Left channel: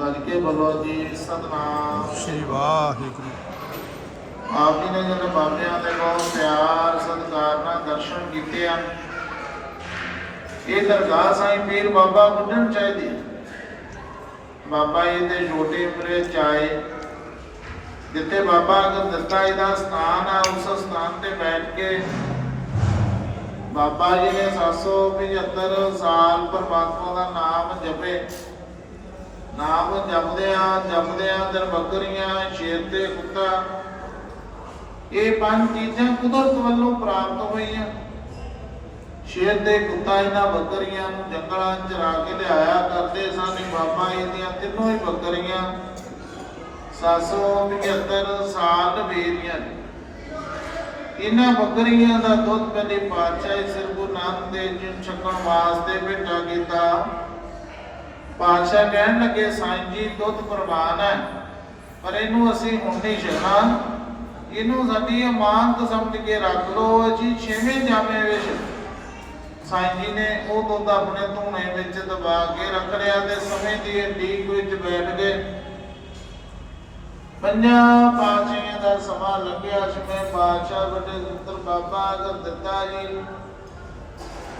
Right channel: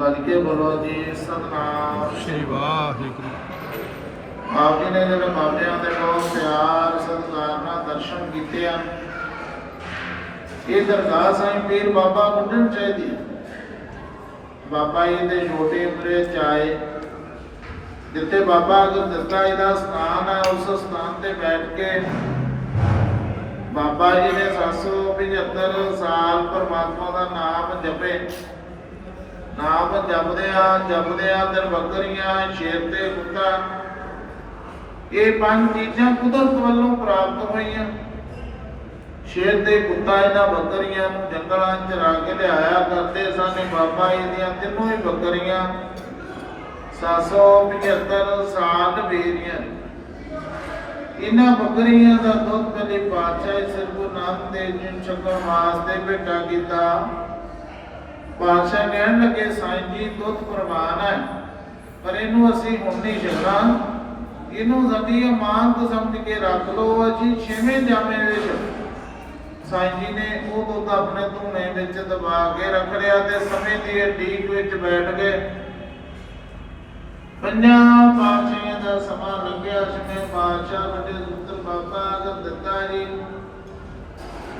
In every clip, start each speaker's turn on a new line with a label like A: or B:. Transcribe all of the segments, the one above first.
A: ਗੱਜ ਕੇ ਬੋਲੋ ਜੀ ਸਤਨਾਮ।
B: ਸ਼੍ਰੀ ਵਾਹਿਗੁਰੂ।
A: ਆਪ ਜੀ ਨੇ ਜਿਹੜੇ ਬਾਬਿਆਂ ਦੇ ਬਹੁਤ ਪਿਆਰ ਸਤਿਕਾਰ ਨਾਲ ਦਰਸ਼ਨ ਕੀਤੇ ਹਨ ਇਹ ਦਰਗਾਹ ਸਾਈਂ ਪੀਰ ਬਾਬਾ ਗੁੰਡਣ ਚਾਹੀਦੀ। ਬਾਬਾ ਜੀ ਦੇ ਛੋਟੇ ਉਮਰੇ ਚ ਆਏ ਜਿੱਥੇ ਬਾਬਾ ਗੁਰਦੱਤਾ ਜੀ ਦਾ ਸਥਾਨ ਆ ਉਸ ਸਥਾਨ ਤੇ ਬੈਠ ਕੇ ਬਾਬਾ ਜੀ ਨੇ 775 ਸਾਲ ਪਰਮਾਤਮਾ ਦਾ ਨਾਮ ਜਪੇ। ਨਾਮ ਜਪਦੇ ਆ ਜਪਦੇ ਬੱਕਰੀਆਂ ਸ਼ੇਰ ਤੇ ਕੁੱਤਾ। ਇਹ ਪੰਜ ਚੀਜ਼ਾਂ ਕੁਦਰਤ ਵੱਲੋਂ ਪ੍ਰਾਪਤ ਹੋਈਆਂ। ਸ਼ੇਰ ਤੇ ਕੁੱਤਾ ਇਹਨਾਂ ਬੱਕਰੀਆਂ ਨੂੰ ਜੰਗਲਾਂ 'ਚ ਚਰਾ ਕੇ ਲਿਆਇਆ, ਕਰਦੇ ਸਨ ਬਾਬਾ ਜੀ ਦੀਆਂ ਤਿੰਨੋਂ ਹੀ ਬੱਕਰੀਆਂ। 775 ਸਾਲ ਬੇਰੀਆਂ ਇਹਨਾਂ ਬੱਕਰੀਆਂ ਦਾ ਦੁੱਧ ਕਦੇ ਪਾਤਸ਼ਾਹ ਸ੍ਰੀ ਗੁਰੂ ਨਾਨਕ ਦੇਵ ਜੀ ਨੂੰ ਵਾਸਤੇ ਭੇਟਾ ਕੀਤਾ। ਪਾਤਸ਼ਾਹ ਕਹਿਣ ਲੱਗੇ, ਸਾਈਂ ਜੀ, ਦੁੱਧ ਪ੍ਰਵਾਨ ਹੈ, ਪਰ ਇਹਨੂੰ ਅਸੀਂ ਹੁਣ ਨਹੀਂ ਛਕਣਾ ਇਹਨੂੰ ਸਾਡੀ ਅਮਾਨਤ ਸਮਝ ਕੇ ਰੱਖ ਲਓ ਜੀ ਛੇਵੇਂ ਜਾਮੇ ਵਿੱਚ ਸਾਈਂ ਜੀ ਨੇ ਉਹ ਦੁੱਧ ਆਪਣੇ ਧੂਣੇ ਵਿੱਚ ਦਬਾ ਕੇ ਰੱਖ ਲਿਆ ਤੇ ਸਮੇਂ ਦੀ ਢੀਕ ਵਿੱਚ ਬੈਠ ਗਏ। ਪੰਜਾਂ ਪਾਤਸ਼ਾਹਾਂ ਦਾ ਸਮਾਂ ਲੰਘਿਆ, ਜਿਵੇਂ ਪਾਤਸ਼ਾਹ ਵੱਡੇ ਸੁੰਦਰ ਬਾਬਾ ਅਗਰ ਦਿੱਤਾ ਜੀ।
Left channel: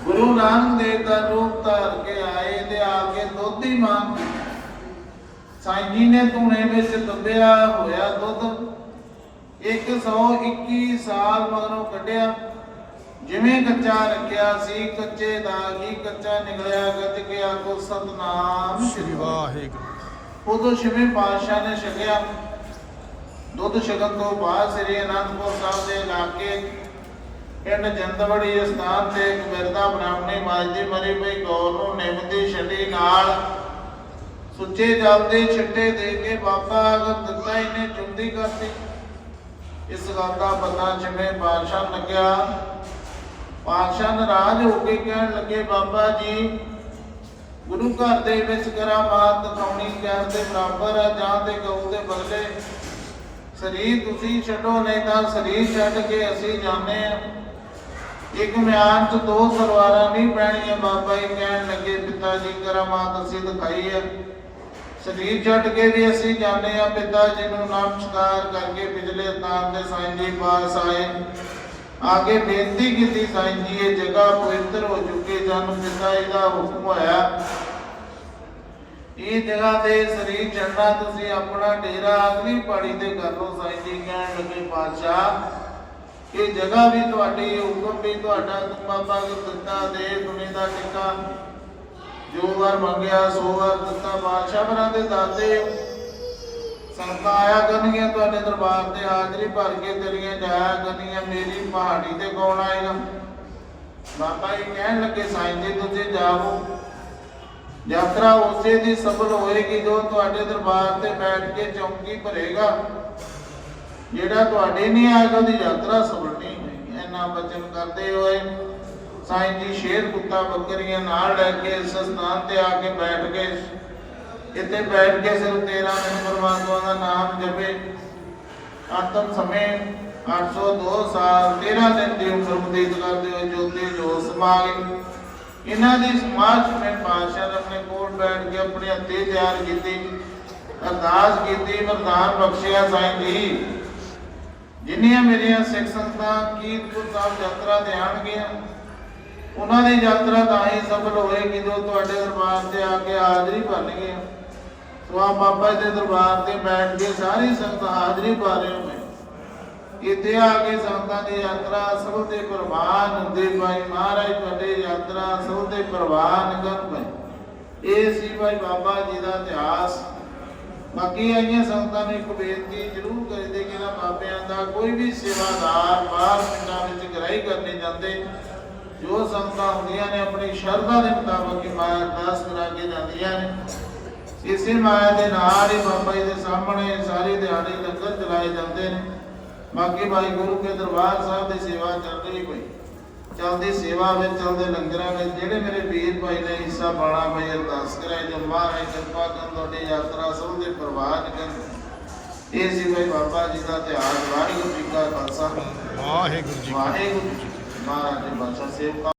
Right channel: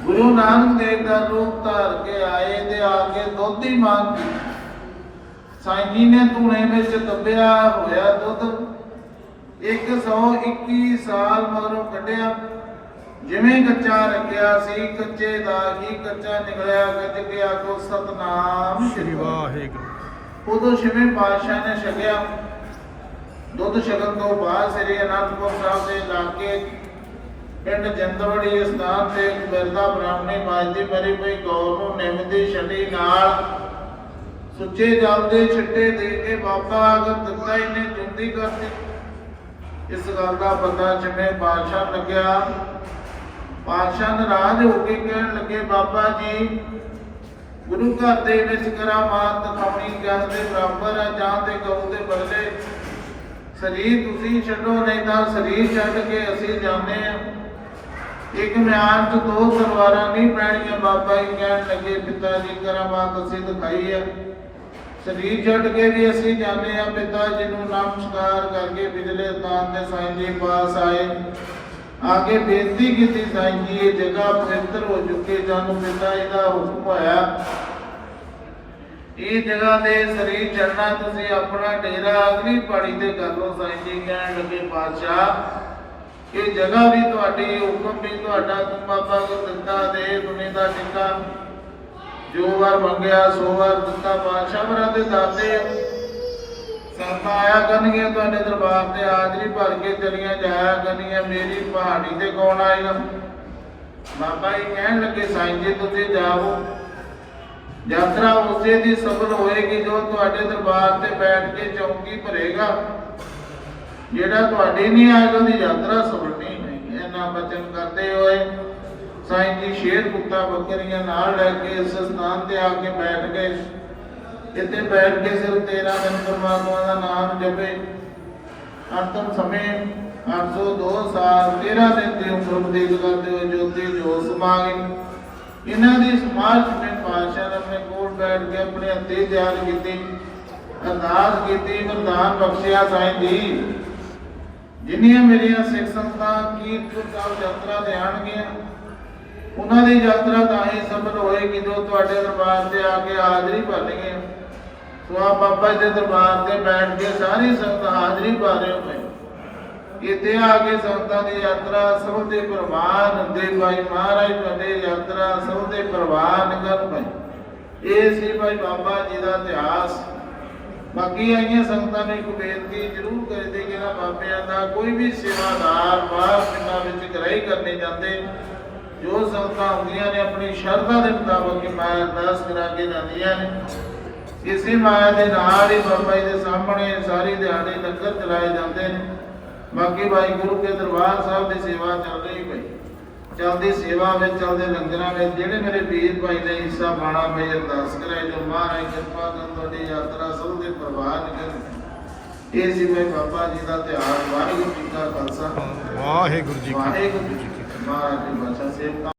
A: ਗੁਰੂ ਨਾਨਕ ਦੇਵ ਦਾ ਰੂਪ ਧਾਰ ਕੇ ਆਏ ਤੇ ਆ ਕੇ ਦੁੱਧ ਮੰਗ ਸਾਈਂ ਜੀ ਨੇ ਧੂਣੇ ਵਿੱਚ ਦੱਬਿਆ ਹੋਇਆ ਦੁੱਧ 121 ਸਾਲ ਮਗਰੋਂ ਕੱਢਿਆ। ਜਿਵੇਂ ਕੱਚਾ ਰੱਖਿਆ ਸੀ ਕੱਚੇ ਦਾ ਹੀ ਕੱਚਾ ਨਿਕਲਿਆ। ਗੱਜ ਗਿਆ ਕੋ ਸਤਨਾਮ
B: ਸ਼੍ਰੀ ਵਾਹਿਗੁਰੂ।
A: ਉਦੋਂ ਛੇਵੇਂ ਪਾਤਸ਼ਾਹ ਨੇ ਛਕਿਆ। ਦੁੱਧ ਛਕਣ ਤੋਂ ਬਾਅਦ ਸ੍ਰੀ ਅਨੰਦਪੁਰ ਸਾਹਿਬ ਦੇ ਲਾਗੇ ਪਿੰਡ ਜੰਦਵੜੀ ਸਥਾਨ ਤੇ ਇੱਕ ਬ੍ਰਾਹਮਣੀ ਮਾਜਦੀ ਮਰੀ ਪਈ ਗੌਰ ਨੂੰ ਨਿਮਦੀ ਛੱਡੀ ਨਾਲ ਸੁੱਚੇ ਜਲ ਦੇ ਦੇ ਕੇ ਬਾਬਾ ਅਗਰ ਦਿੱਤਾ ਇਹਨੇ ਚੁੰਦੀ ਕਰਤੀ। ਇਸ ਗੱਲ ਦਾ ਪਤਾ ਛੇਵੇਂ ਪਾਤਸ਼ਾਹ ਲੱਗਿਆ। ਪਾਤਸ਼ਾਹ ਨਾਰਾਜ਼ ਹੋ ਕੇ ਕਹਿਣ ਲੱਗੇ, ਬਾਬਾ ਜੀ, ਗੁਰੂ ਘਰ ਦੇ ਵਿੱਚ ਕਰਾਮਾਤ ਦਿਖਾਉਣੀ ਜਨ ਦੇ ਬਰਾਬਰ ਹੈ ਜਾਂ ਤੇ ਗਊ ਦੇ ਬਦਲੇ ਸਰੀਰ ਤੁਸੀਂ ਛੱਡੋ, ਨਹੀਂ ਤਾਂ ਸਰੀਰ ਛੱਡ ਕੇ ਅਸੀਂ ਜਾਂਦੇ ਆ ਇੱਕ ਮਿਆਨ ਚ ਦੋ ਤਲਵਾਰਾਂ ਨਹੀਂ ਪੈਣੀਆਂ, ਬਾਬਾ ਜੀ ਕਹਿਣ ਲੱਗੇ, ਪਿਤਾ ਜੀ ਕਰਾਮਾਤ ਅਸੀਂ ਦਿਖਾਈ ਹੈ। ਸਰੀਰ ਛੱਡ ਕੇ ਵੀ ਅਸੀਂ ਜਾਂਦੇ ਆ ਪਿਤਾ ਜੀ ਨੂੰ ਨਮਸਕਾਰ ਕਰਕੇ ਪਿਛਲੇ ਸਥਾਨ ਦੇ ਸਾਈਂ ਜੀ ਪਾਸ ਆਏ। ਆਗੇ ਬੇਨਤੀ ਕੀਤੀ ਸਾਈਂ ਜੀ, ਇਹ ਜਗ੍ਹਾ ਪਵਿੱਤਰ ਹੋ ਚੁੱਕੀ ਜਾਨੂੰ ਪਿਤਾ ਜੀ ਦਾ ਹੁਕਮ ਹੋਇਆ। ਇਹ ਜਗ੍ਹਾ ਤੇ ਸਰੀਰ ਛੱਡਣਾ, ਤੁਸੀਂ ਆਪਣਾ ਡੇਰਾ ਅਗਲੀ ਪਾਣੀ ਤੇ ਕਰ ਲਓ, ਸਾਈਂ ਜੀ ਕਹਿਣ ਲੱਗੇ, ਪਾਤਸ਼ਾਹ। ਇਹ ਜਗ੍ਹਾ ਵੀ ਤੁਹਾਡੀ, ਹੁਕਮ ਵੀ ਤੁਹਾਡਾ, ਬਾਬਾ ਗੁਰਦਿੱਤਾ ਦੇ ਦੁਨੀ ਦਾ ਟਿੱਕਾ। ਜੋ ਵਾਰ ਮੰਗਿਆ, ਸੋ ਵਾਰ ਦਿੱਤਾ ਪਾਤਸ਼ਾਹ ਮਰਾਂ ਦੇ ਦਾਤੇ। ਸੰਤਾਂ ਆਇਆ ਤੁਹਾਡੇ ਦਰਬਾਰ ਤੇ, ਹਾਜ਼ਰੀ ਭਰ ਕੇ ਚਲੀਆਂ ਜਾਇਆ ਕਰਨਗੀਆਂ ਮੇਰੀ ਪਹਾੜੀ ਤੇ ਕੌਣ ਆਏਗਾ? ਬਾਬਾ ਜੀ ਕਹਿਣ ਲੱਗੇ, ਸਾਈਂ ਜੀ, ਤੁਸੀਂ ਜਾਵੋ। ਯਾਤਰਾ ਉਸੇ ਦੀ ਸਫਲ ਹੋਏਗੀ ਜੋ ਤੁਹਾਡੇ ਦਰਬਾਰ ਤੇ ਬੈਠ ਕੇ ਚੌਂਕੀ ਭਰੇਗਾ। ਜਿਹੜਾ ਤੁਹਾਡੇ ਨਹੀਂ ਆਏਗਾ, ਉਹਦੀ ਯਾਤਰਾ ਸਫਲ ਨਹੀਂ। ਇਹਨਾਂ ਬਚਨ ਕਰਦੇ ਹੋਏ ਸਾਈਂ ਜੀ ਸ਼ੇਰ ਕੁੱਤਾ ਬੱਕਰੀਆਂ ਨਾਲ ਲੈ ਕੇ ਇਸ ਸਥਾਨ ਤੇ ਆ ਕੇ ਬੈਠ ਗਏ। ਇੱਥੇ ਬੈਠ ਕੇ ਸਿਰਫ 13 ਦਿਨ ਪਰਮਾਤਮਾ ਦਾ ਨਾਮ ਜਪੇ। ਅੰਤਮ ਸਮੇਂ 802 ਸਾਲ 13 ਦਿਨ ਦੀ ਉਮਰ ਬਤੀਤ ਕਰਦੇ ਹੋਏ ਜੋਤੀ ਜੋਤ ਸਮਾ ਗਈ ਇਹਨਾਂ ਦੀ ਸਮਾਜ ਵਿੱਚ ਪਾਤਸ਼ਾਹ ਨੇ ਆਪਣੇ ਕੋਲ ਬੈਠ ਕੇ ਆਪਣੇ ਹੱਥੇ ਤਿਆਰ ਕੀਤੀ, ਅਰਦਾਸ ਕੀਤੀ ਵਰਦਾਨ ਬਖਸ਼ਿਆ ਸਾਈਂ ਜੀ। ਜਿੰਨੀਆਂ ਮੇਰੀਆਂ ਸਿੱਖ ਸੰਗਤਾਂ ਕੀਰਤਪੁਰ ਸਾਹਿਬ ਯਾਤਰਾ ਤੇ ਆਣਗੀਆਂ ਉਹਨਾਂ ਦੀ ਯਾਤਰਾ ਤਾਂ ਹੀ ਸਫਲ ਹੋਏਗੀ ਜੋ ਤੁਹਾਡੇ ਦਰਬਾਰ ਤੇ ਆ ਕੇ ਹਾਜ਼ਰੀ ਭਰਨਗੇ ਸੋ ਆ ਬਾਬਾ ਜੀ ਦੇ ਦਰਬਾਰ ਤੇ ਬੈਠ ਕੇ ਸਾਰੀ ਸੰਗਤ ਹਾਜ਼ਰੀ ਭਰ ਰਹੇ ਹੋ ਇੱਥੇ ਆ ਕੇ ਸੰਗਤਾਂ ਦੀ ਯਾਤਰਾ ਸਭ ਦੇ ਪ੍ਰਵਾਨ ਦੇ ਭਾਈ। ਮਹਾਰਾਜ ਤੁਹਾਡੇ ਯਾਤਰਾ ਸਭ ਦੇ ਪ੍ਰਵਾਨ ਕਰ ਪਏ ਇਹ ਸੀ ਭਾਈ ਬਾਬਾ ਜੀ ਦਾ ਇਤਿਹਾਸ। ਬਾਕੀ ਆਈਆਂ ਸੰਗਤਾਂ ਨੂੰ ਇੱਕ ਬੇਨਤੀ ਜ਼ਰੂਰ ਕਰਦੇ ਕਿ ਨਾ ਬਾਬਿਆਂ ਦਾ ਕੋਈ ਵੀ ਸੇਵਾਦਾਰ ਬਾਹਰ ਪਿੰਡਾਂ ਵਿੱਚ ਗ੍ਰਹਿ ਕਰਨੇ ਜਾਂਦੇ, ਜੋ ਸੰਗਤਾਂ ਹੁੰਦੀਆਂ ਨੇ, ਆਪਣੀ ਸ਼ਰਧਾ ਦੇ ਮੁਤਾਬਕ ਮਾਇਆ ਅਰਦਾਸ ਕਰਾ ਕੇ ਜਾਂਦੀਆਂ ਨੇ। ਇਸੇ ਮਾਇਆ ਦੇ ਨਾਲ ਹੀ ਬਾਬਾ ਜੀ ਦੇ ਸਾਹਮਣੇ ਸਾਰੇ ਦਿਹਾੜੀ ਲੰਗਰ ਚਲਾਏ ਜਾਂਦੇ ਨੇ। ਬਾਕੀ ਭਾਈ ਗੁਰੂ ਕੇ ਦਰਬਾਰ ਸਾਹਿਬ ਦੀ ਸੇਵਾ ਚੱਲ ਰਹੀ ਪਈ ਚਲਦੀ ਸੇਵਾ ਵਿੱਚ ਚਲਦੇ ਲੰਗਰਾਂ ਵਿੱਚ ਜਿਹੜੇ ਮੇਰੇ ਵੀਰ ਭਾਈ ਨੇ ਹਿੱਸਾ ਪਾਣਾ ਭਾਈ ਅਰਦਾਸ ਕਰਾਏ ਜੋ ਮਹਾਰਾਜ ਕਿਰਪਾ ਕਰਨ ਤੁਹਾਡੀ ਯਾਤਰਾ ਸਭ ਦੇ ਪ੍ਰਵਾਨ ਕਰਨ ਇਹ ਸੀ ਭਾਈ ਬਾਬਾ ਜੀ ਦਾ ਤਿਉਹਾਰ ਵਾਹਿਗੁਰੂ ਜੀ ਕਾ ਖਾਲਸਾ।
B: ਵਾਹਿਗੁਰੂ ਜੀ ਕੀ
A: ਵਾਹਿਗੁਰੂ ਜੀ ਕੀ ਫਤਿਹ। ਮਹਾਰਾਜ ਦੇ ਬਾਦਸ਼ਾਹ ਸੇਵਕਾਂ